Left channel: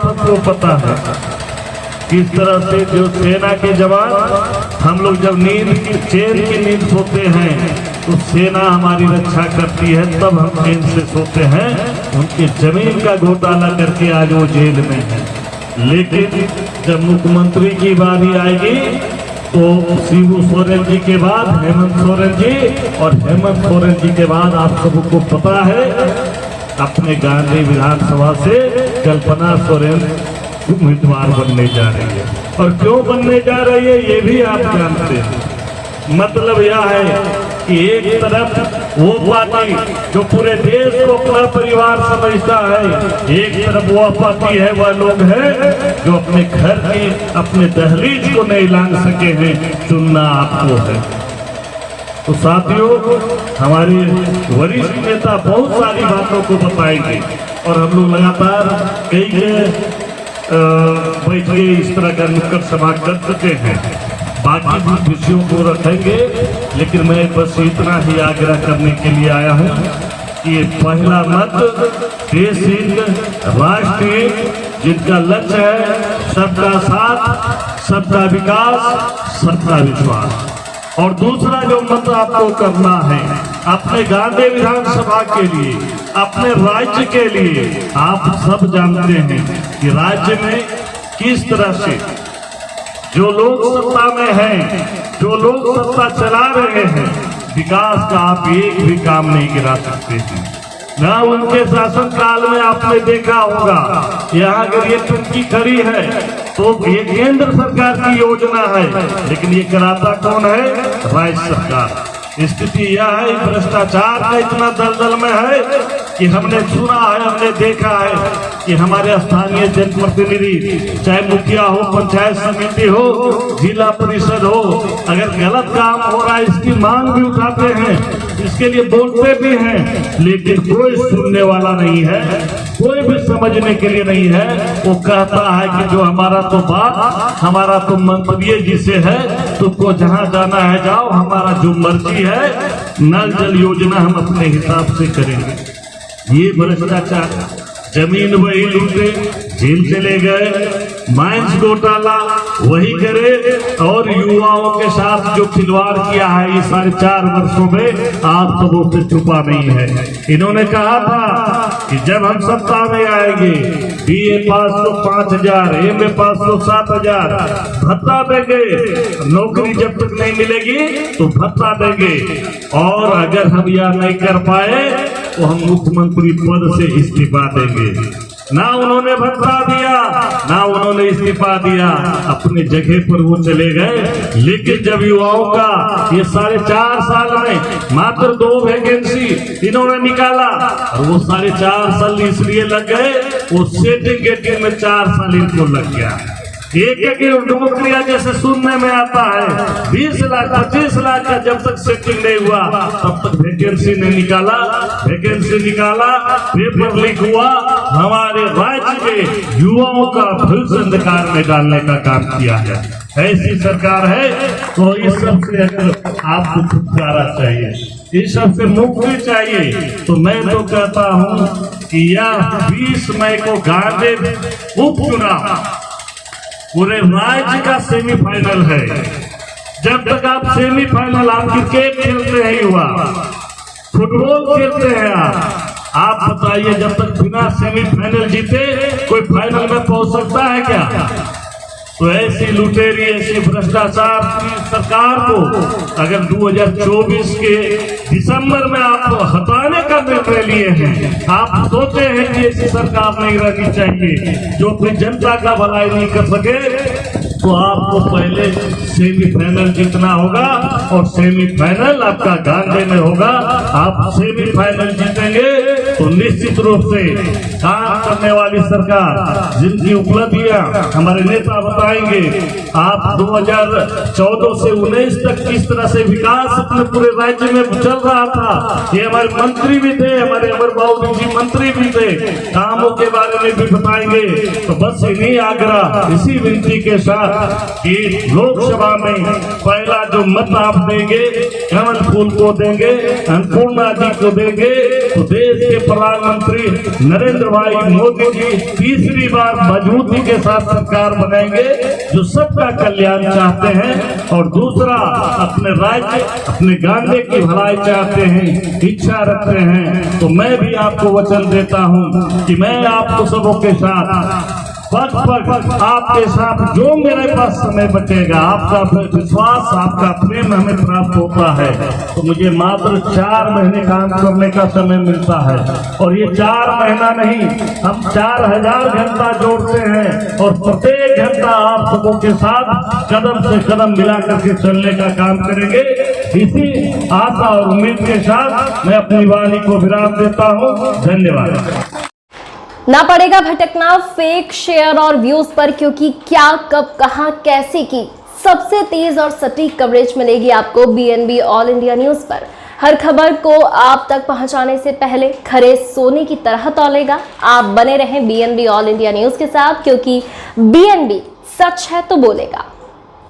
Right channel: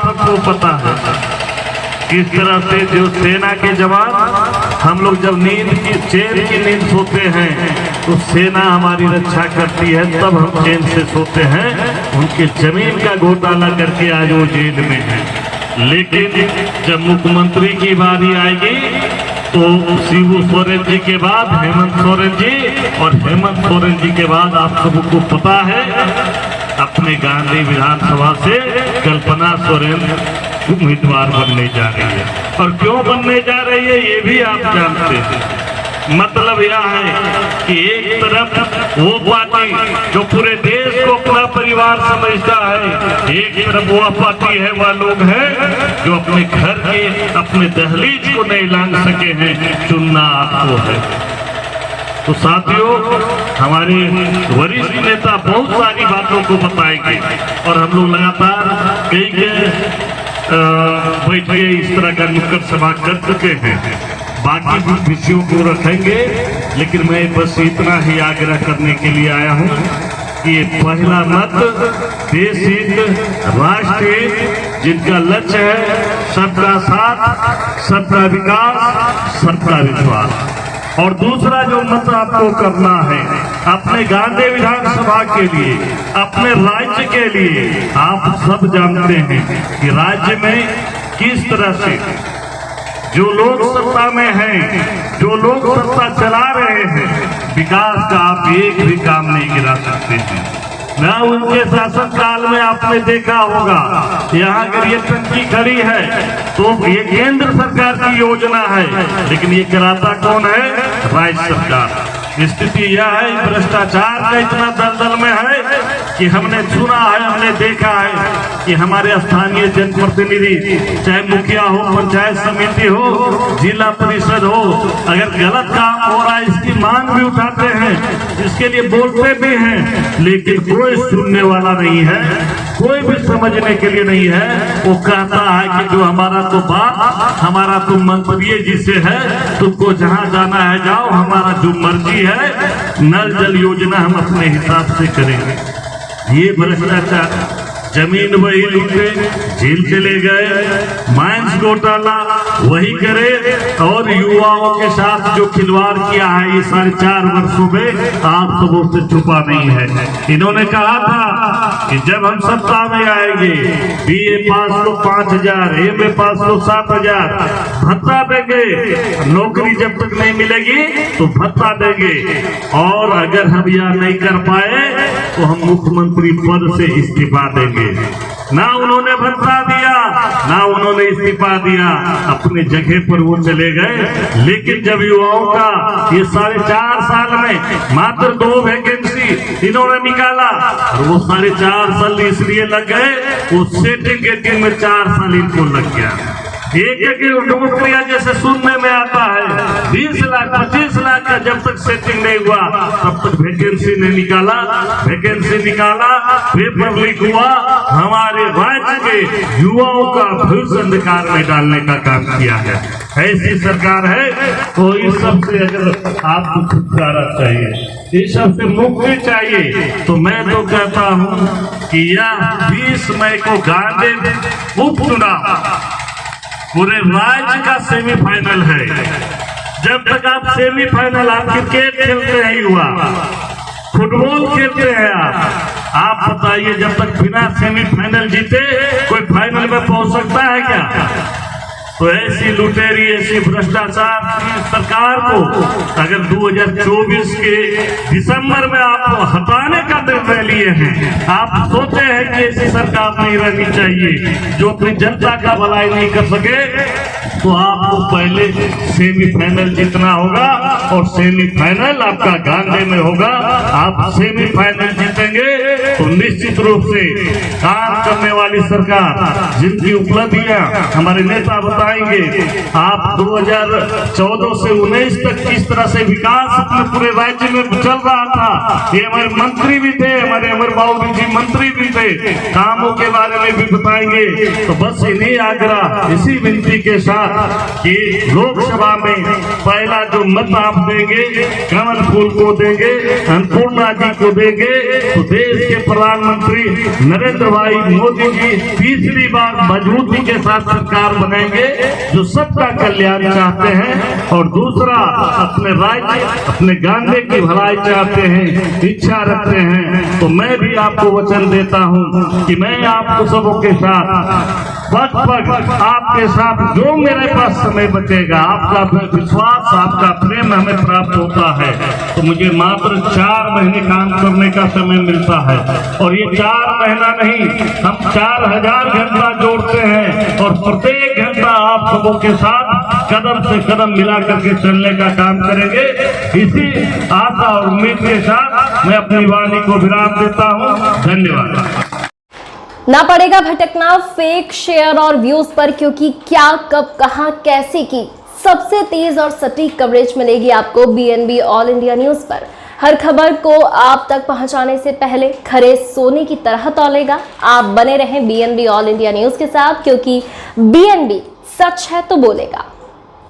सबको पता है किस तरह से जो सेना के जवान हम लोग जब नींद की चैन की नींद सोते हैं तो सेना हमारी रक्षा करती है, तब हम चैन से सोते हैं। उनके जमीन का घोटाला करके आज वो जेल में है। लेकिन जब मुख्यमंत्री की बारी आएगी तो शिबू सोरेन जी के बाद हेमंत सोरेन जी, और हेमंत सोरेन जी के बाद आप सबको पता है अपने गांधी विधानसभा से कल्पना सोरेन उम्मीदवार बनने जा रही है। और क्यों बनने जा रही है ये भी आप जानते हैं। मतलब यह है कि एक तरफ वो पार्टी जो पूरे देश को अपना परिवार समझता है, एक तरफ वह पार्टी है, वह लोग हैं जो अपने घर की अपने दहलीज को नहीं लांघ सके हैं। चुनना आपको है। तो साथियों, हमारे वरिष्ठ नेता बहुत सारी बातों को बताएंगे और हम लोग लगातार कई बैठके इस तरह का नुक्कड़ सभा कर चुके हैं। बाकी भी विषयों को रखेंगे, लेकिन मैं बस इतना ही आग्रह करने के लिए आया हूं कि पहला मत देश हित राष्ट्र हित, जिनका लक्ष्य है सबका साथ, सबका विकास, सबका विश्वास। और दूसरा जो मत आपको करना है अपने गांधी विधानसभा के लिए, अपने राज्य के लिए। आप सब जानते हैं कि राज्य में किस तरह से जो लोग सत्ता में हैं, जो लोग सत्ता चला रहे हैं, विकास का आप एक भी काम नहीं गिरा सकते हैं। ना उनके शासन काल में आपने देखा होगा यहाँ अगर ये टंकी खड़ी है तो ये केंद्र सरकार की योजना है, लेकिन ये कराता कौन है? राज्य सरकार। स्थिति यह है, भ्रष्टाचार का इतना दलदल में है कि हमने सुना है, हमने देखा है कि हमारे स्थानीय जनप्रतिनिधि, चाहे मुखिया हो, पंचायत समिति हो, जिला परिषद हो, अगर गलत काम हो रहा है इसकी मांग भी उठाते हैं, इसके लिए बोलते भी हैं, लेकिन कोई सुनने वाला नहीं है, कोई भी समझने के लिए नहीं है। वो कहता है कि जो हमारा तो बात, हमारा तो मंत्री जी से है, तुमको जहाँ जाना है जाओ, हमारा जो मर्जी है, नल जल योजना हम अपने हिसाब से करेंगे। ये भ्रष्टाचार, जमीन वही लूटे, जेल चले गए, माइंस घोटाला वही करे, और युवाओं के साथ जो खिलवाड़ किया है ये 4.5 वर्षों में आप सबों से छुपा नहीं है। इन्होंने कहा था कि जब हम सत्ता में आएंगे BA पास तो 5,000, MA पास तो 7,000 भत्ता देंगे, नौकरी जब तक नहीं मिलेगी तो भत्ता देंगे, और अगर हम यह नहीं कर पाए तो हम मुख्यमंत्री पद से इस्तीफा देंगे। ना उन्होंने भत्ता दिया, ना उन्होंने इस्तीफा दिया, अपने जगह पर वो चले गए। लेकिन जब युवाओं का ये 4.5 साल में मात्र 2 वैकेंसी इन्होंने निकाला, और वो 4.5 साल इसलिए लग गए, वो सेटिंग गेटिंग में 4 साल इनको लग गया। एक नौकरियां जैसे सुनने में आता है 20 लाख 25 लाख का, जब तक सेटिंग नहीं हुआ तब तक वैकेंसी नहीं निकाला। वैकेंसी निकाला, पेपर लीक हुआ, हमारे राज्य के युवाओं का भविष्य अंधकार में डालने का काम किया है। ऐसी सरकार है, तो इस सब से अगर आपको छुटकारा चाहिए, इस सब से मुक्ति चाहिए, तो मैं तो कहता हूँ कि यह 20 मई को गांधी उपचुनाव पूरे राज्य का सेमीफाइनल है। जब तक आप सेमीफाइनल, आप क्रिकेट खेलते हैं युवा, फुटबॉल खेलते हैं आप बताइए, जब तक बिना सेमीफाइनल जीते कोई फाइनल में पहुंच सकता है क्या? तो ऐसी लुटेरी, ऐसी भ्रष्टाचार की सरकार को अगर 2024 के दिसंबर में आप हटाने का निर्णय लिए हैं, आप सोचे हैं कि ऐसी सरकार नहीं रहनी चाहिए जो अपनी जनता का भलाई नहीं कर सके, तो आपको पहले सेमीफाइनल जीतना होगा, और सेमीफाइनल आपका गांधी में होगा। आप सेमीफाइनल जीतेंगे तो निश्चित रूप से काम करने वाली सरकार, जिनकी उपलब्धियां हमारे नेता बताएंगे, आप 2014 से 19 तक किस तरह से विकास अपने पूरे राज्य में चल रहा था, ये हमारे मंत्री भी थे, हमारे अमर बाबू जी मंत्री भी थे, कामों के बारे में भी बताएंगे। तो बस इन्हीं आग्रह, इसी विनती के साथ कि लोकसभा में पहला जो मत आप देंगे, कमल फूल को देंगे, अन्नपूर्णा जी को देंगे, तो देश के प्रधानमंत्री नरेंद्र भाई मोदी जी तीसरी बार मजबूती के साथ सरकार बनाएंगे जो सबका कल्याण चाहते हैं, और दूसरा अपने राज्य अपने गांधी की भलाई चाहते हैं, इच्छा रखते हैं। तो मैं भी आपको वचन देता हूं कि मैं आपको सबों के साथ पग पग आपके साथ जो मेरे पास समय बचेगा, आपका विश्वास आपका प्रेम हमें प्राप्त होता है तो मुझे मात्र 4 महीने काम करने का समय मिलता है, और ये 4 महीना नहीं, हम 4000 घंटा जोड़ते हैं और प्रत्येक घंटा आप सबों के साथ कदम से कदम मिला करके चलने का काम करेंगे। इसी आशा और उम्मीद के साथ मैं अपनी वाणी को विराम देता हूँ। धन्यवाद। ना पड़ेगा भटकना फेक शेयर और व्यूज पर, क्योंकि क्या कब कहां कैसे की सबसे तेज और सटीक कवरेज मिलेगी आपको BNB ऑल इंडिया न्यूज पर। हर खबर को आप तक पहुंचाने से पहले खरे सोने की तरह तौलेगा। आप बने रहें BNB ऑल इंडिया न्यूज के साथ, क्योंकि BNB सच है तो बोलेगा।